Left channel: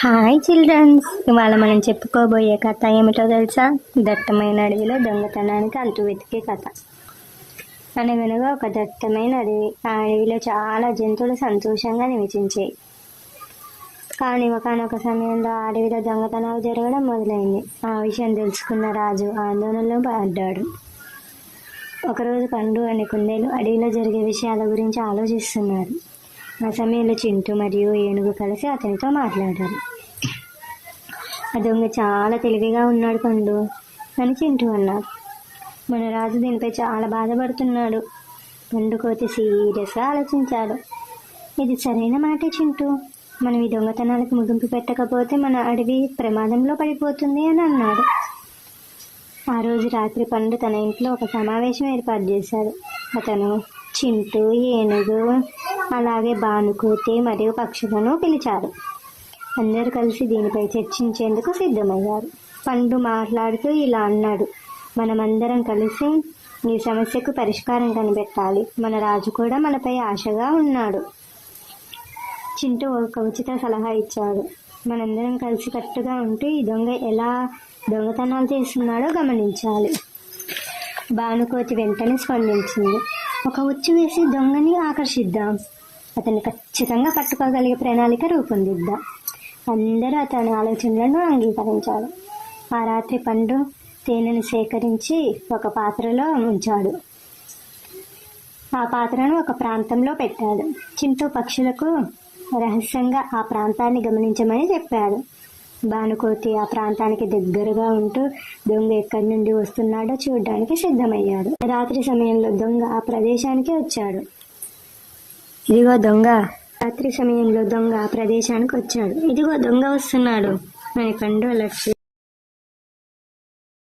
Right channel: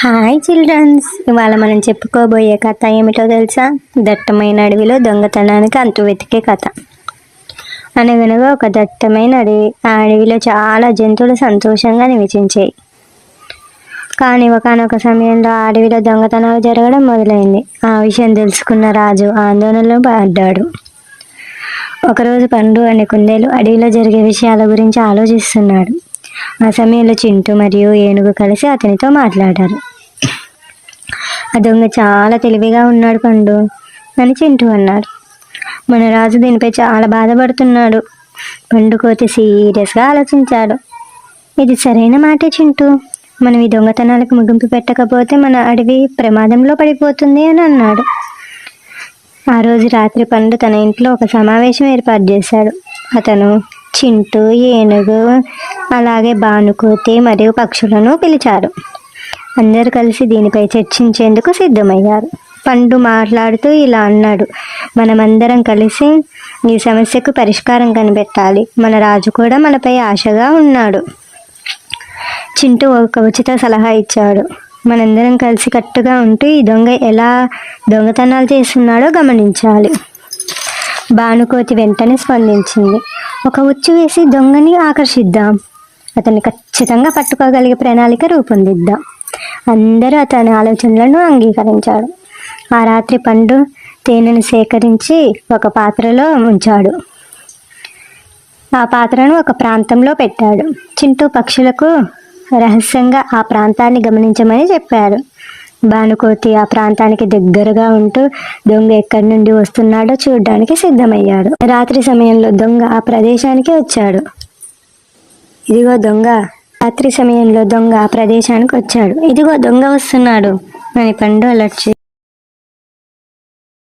Hi children's, ఇవాళ మనం చెప్పుకోబోయే కథ ఏమిటో తెలుసా? దట్టమైన అడవిలో దొంగతనానికి అంతు వెతికే కథ. అనగనగా ఒక దట్టమైన అడవి. ఆ అడవిలో చాలా జంతువులు సంతోషంగా నివసించాయి. కానీ ఒకనొక సమయంలో ఆ అడవిలో దొంగతనాలు జరగడం మొదలైంది. ఆ విషయం తెలుసుకున్న రాజు ఆందోళనలో పడ్డాడు. ఒకరోజు పండు అనే కుందేలు అడవిలో జరిగే విషయాల గురించి ఆలోచిస్తున్నాడు. ఆ సమయంలో చింటూ మరియు ఏనుగు కలిసి అతనితో మాట్లాడారు. ఆ దొంగ చాలా తెలివిగా ఉన్నాడు పండు అని చింటూ అన్నాడు. మన రాజు దీనిపై చాలా బాధపడుతున్నాడు. పండు కోతి సీరియస్గా ఆలోచించాడు. ఇది సరైన మాటే చింటూ, మనం ఈ దొంగతనాలకు ముగింపు పెట్టకపోతే మన అడవి ప్రమాదంలో పడిపోతుంది అని అన్నాడు. ఆ రోజు రాత్రి పండు తన ఇంట్లో ఒక సమావేశం ఏర్పాటు చేశాడు. అతను చింటూ, ఏనుగు, అలాగే బానుకోతి మరియు పక్షులను పిలిచారు. అందరూ కలిసి దీనిపై చర్చించేందుకు సిద్ధమయ్యారు. పండు మాట్లాడుతూ ఇలా అన్నాడు, మనమందరం కలిసి ఈ సమస్యకు పరిష్కారం కనిపెట్టాలి. మన రాజు కూడా మనపై ఆశగా ఉన్నాడు. చింటూ ఒక ఉచిత సలహా ఇచ్చాడు. మనందరం కలిసి కట్టుగా ఉంటూ ఈ దొంగ ఎలా దొంగతనాలు చేస్తున్నాడో గమనించాలి. బానుకోతి వెంటనే స్పందించింది. ఒక ఉచ్చు వేసి దొంగని ఆకర్షిద్దాం, అతన్ని ఖచ్చితంగా పట్టుకోగలిగే ప్రణాళిక రూపొందిద్దాం. అందరూ అతని ఆలోచనలను అంగీకరించాడు. ఆ రాత్రి పండు తేనెను సేకరించి ఒక పాత్రలో ఉంచాడు. ఆ పాత్రను ఒక ప్రాంతంలో పెట్టాడు. చింటూ పక్షులకు రహస్యంగా ఆ ప్రాంతాన్ని గమనించమని చెప్పాడు. బానుకోతి ఆ ప్రాంతానికి దగ్గరగా ఉంటూ దొంగ ఎక్కడి నుండి వస్తున్నాడో చూడడానికి సిద్ధమయ్యాడు. రాత్రి సమయంలో దొంగ ఆ ప్రదేశానికి వచ్చాడు. రాత్రి సమయంలో దొంగ ఆ ప్రదేశానికి వచ్చాడు. ఇదిగో దొంగ వస్తున్నాడు అని పండు అలర్ట్